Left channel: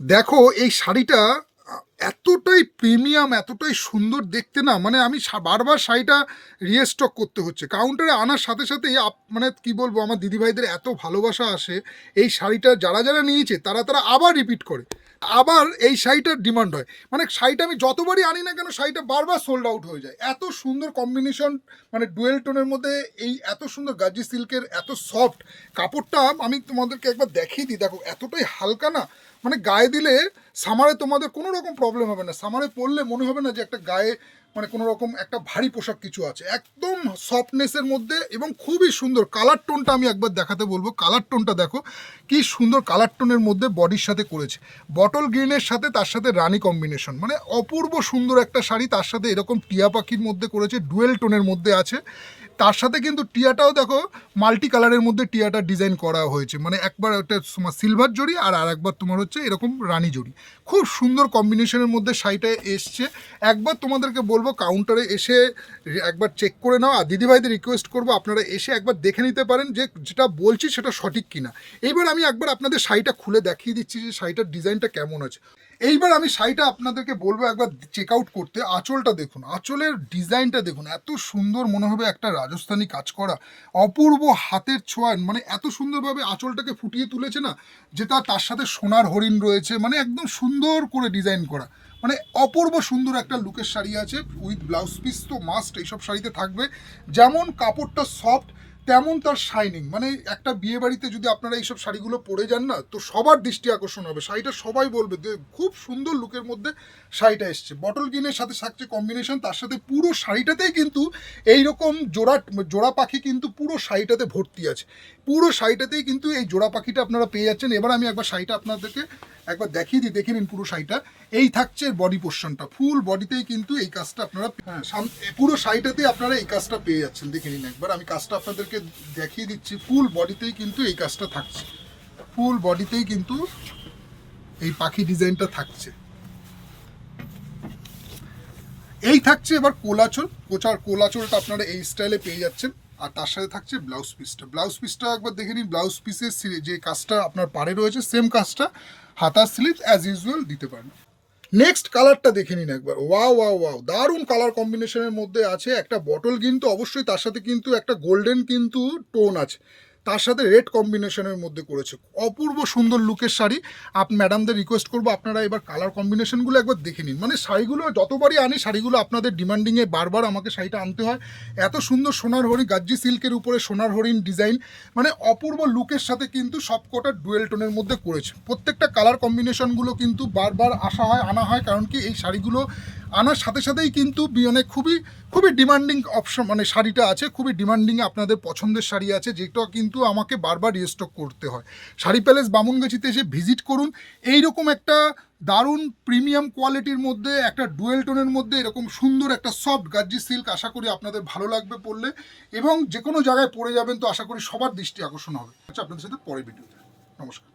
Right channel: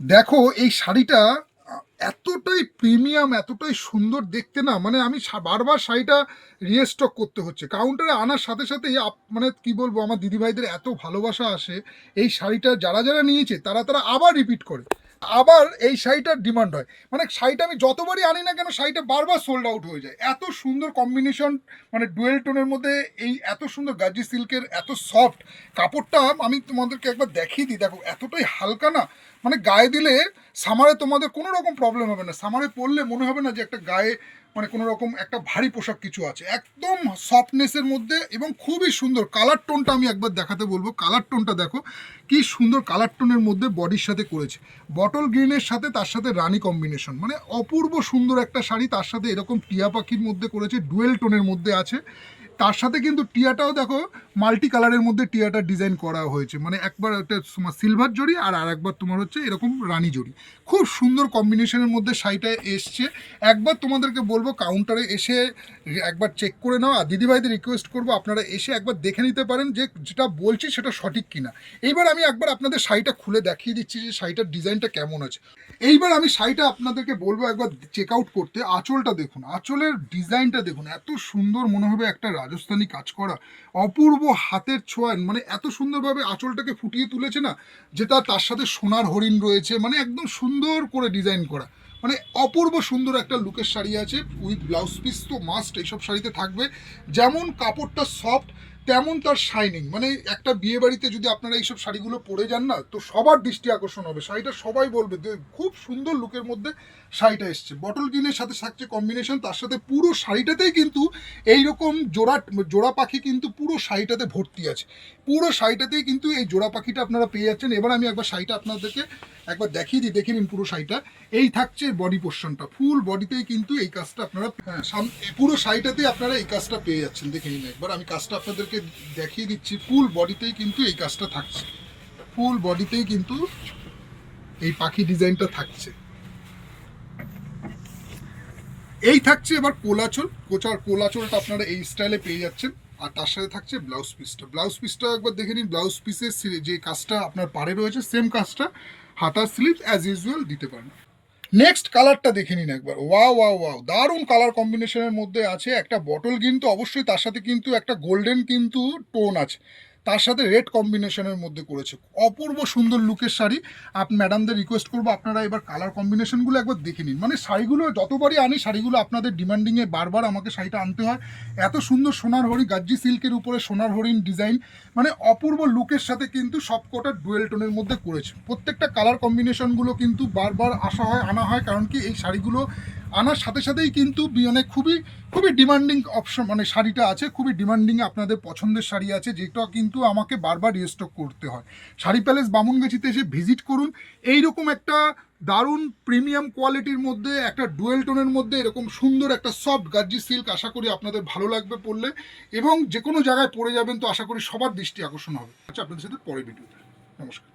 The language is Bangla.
দেখো এই শাড়িটা এতটাই প্রিমিয়াম, এতটাই সুন্দর দেখতে না, মানে আমি বারবার শাড়িটা রিস্টক করতে হচ্ছে। কাউন্টারে আনার সাথে সাথেই মানে কি বলবো, আমার দিদিভাইদের এত ভালোবাসা আসে। এই শাড়িটা যারা যারা নিয়েছে তারা তারা আবার রিপিট করে, আবার এই শাড়িটার ডিমান্ড হয়। মানে শাড়িটা আমি যতবারই আনি না কেন, শাড়িটা বারবার সোল্ড আউট হয়ে যায়। এত সুন্দর কম্বিনেশন, মানে ডুয়েল টোনের মধ্যে এই এত সুন্দর গাজি সিল্কের, এত সফট কাপড়টা। আমি তোমাদেরকে একবার দেখিয়ে দিই, দেখো এতটাই হালকা না, মানে গায়ে দিলে সামারে তোমাদের কোনো রকম প্রবলেম হবে না। সামারে পরলে মনে হবে না যে একটা গায়ে মানে কোনো রকম একটা ভারী পোশাক কিছু আছে। একদম সফটনেসের মধ্যে এবং খুবই সুন্দর কালার টোনটা আমি একবার দেখাতে বলবো। কালার টোনটা দেখো কি সুন্দর কালার টোনের মধ্যে বডির সাথে করেছে। বটল গ্রিনের সাথে তার সাথে রানী কম্বিনেশন, মানে অপূর্ব সুন্দর একটা শাড়ি। তার সাথে এরকম টিয়া পাখির মধ্যে করেছে, ডুয়েল টোনের মধ্যে আছে। তার সাথে কিন্তু টিয়াটাও দেখো মাল্টি কালারের মধ্যে টিয়াটা ডিজাইন করা হয়েছে, মানে একবার একটা তোমার সিলভার জড়ি আর আরেকবার তোমার হচ্ছে এরকম রানী জড়ি। খুব সুন্দর কম্বিনেশনের মধ্যে শাড়িটা এসছে। একবার তোমাদেরকে বলবো কাউন্টারে এসে একবার চেক করে নাও। আর দিদিভাইদের রিকোয়েস্ট করবো আপনারা এসে একবার দেখে নিতে পারেন যে যেটা বলছি সেটা সঠিক কিনা। এইবার আমি একবার আপনাদের শাড়িটা খুলে দেখিয়ে দিচ্ছি যে শাড়িটার ডিজাইনটা কেমন আছে। এইবার আমি শাড়িটা আপনাদেরকে বলবো একবার চেক আউট করতে। আঁচলটা দেখুন, আঁচলের ডিজাইনটা দেখুন, এত সুন্দর, মনে হবে একটা রাজস্থানী কাজ করা, অপূর্ব হাতের ছোঁয়া। মানে এত সুন্দরভাবে আঁচলটাকে ফুটিয়ে তুলেছে না, যেটা তার সাথে সোনার হরিণ রয়েছে, মানে একদম সুন্দর করে ডিজাইন করা। মানে অপূর্ব সুন্দর একটা লুকের শাড়ি আছে উইথ ব্লাউজ পিস তো মাস্ট এইসব শাড়িতে থাকবে। যেমন কাপড়টা সফট তেমন তার শাইনিং। মানে একটা বিয়ে বাড়িতে যদি আপনারা এইসব শাড়িগুলো পরে যান না, তো সবার দৃষ্টি আকর্ষণ হবে। শাড়িটা সবাই বলবে যে খুব সুন্দর লুকের মধ্যে শাড়িটা এসছে। বটল গ্রিনের সাথে থাকছে কম্বিনেশন, তার সাথে পুরো শাড়িটাতেই কিন্তু এইরকম জোড়া জোড়া পাখি কিন্তু পুরো শাড়িটাতে ভর্তি আছে। পুরো শাড়িটাতেই কিন্তু এই জোড়া পাখিটা আপনারা পেয়ে যাচ্ছেন। এবার আমি একবার শাড়িটা আপনাদেরকে একবার দেখিয়ে দিই, দেখে নিন পুরো শাড়িটা। এই থাকছে বডি পোর্শনটা, ফুল বডিতেই কিন্তু এই কাজটা আপনারা, হ্যাঁ, পুরো শাড়িটাতেই আপনারা এই কাজটা পেয়ে যাচ্ছেন। দেখে নিন একবার, আমি কাজটা আপনাদেরকে দেখিয়ে দিচ্ছি। ফুল বডিতেই কিন্তু এই কাজটা থাকছে, ফুল বডিতেই কিন্তু এই পাখি ডিজাইনটা থাকছে। এই থাকছে এবার কোলাচল। কোলাচলটা আপনারা এই স্টাইলে পেয়ে যাচ্ছেন। আর তার সাথে থাকছে ব্লাউজ পিসটা। ব্লাউজ পিসটাও একবার দেখে নিন। ব্লাউজ পিসের যে কাজটা আপনার পাড়ে রয়েছে, সেম কাজটা হাতার স্লিভস অ্যাজ ইউজুয়াল দিতে পারেন। নেক্সট কালারটা দেখে নিন একবার। ওয়াও ওয়াও ওয়াও, দারুণ কালার কম্বিনেশনের মধ্যে আছে। একটা বটল গ্রিন তো অবশ্যই, তার সাথে কিন্তু একটা গোল্ডেন কিন্তু টোন আছে, তার সাথে রেড কম্বিনেশনের মধ্যে করেছে। অপূর্ব সুন্দর লুকের শাড়ি। ম্যাডামদের রিকোয়েস্ট করবো আপনারা এবার কালার কম্বিনেশনগুলো একবার দেখে নিন। মানে শাড়িগুলো যতবারই আনি, শাড়িগুলো আপনাদের ডিমান্ডিংয়ে বারবার আমাকে শাড়িটা আনতে হয়। এত সুন্দর সোনার হরিণ, গাজ্জি সিল্কের উপরে সোনার হরিণ ডিজাইন, মানে অপূর্ব লুকের সাথে কিন্তু সবকটা ডুয়েল টোনের মধ্যে করেছে। প্রত্যেকটা কালার কম্বিনেশনগুলো কিন্তু বারবার আসা হয়, আনা হয়, কারণ কি এই শাড়িগুলো আনার সাথে সাথেই কিন্তু মানে খুবই খুবই ডিমান্ডিং অপশন, মানে শাড়িটা আছে খুবই ডিমান্ডিং। আপনাদের পছন্দের শাড়ি আছে, যেটা কিন্তু আমাকে বারবার রিস্টক করতে হয়। শাড়ি প্যালেস বামুনগাছিতে এসে ভিজিট করুন। এইরকম একটা দারুণ প্রিমিয়াম কোয়ালিটির মধ্যে একটা ডুয়েল টোনের মধ্যে এরকম সুন্দর একটা সফট গার্জি সিল্ক, আশা করি আপনাদের ভালো লাগবে পরলে, এবং যে কোনো জায়গায় পরে যাবেন তো আশা করি সবার দৃষ্টি আকর্ষণ হবে। আচ্ছা, আপনাদের সাথে পরে ভিডিওতে। নমস্কার।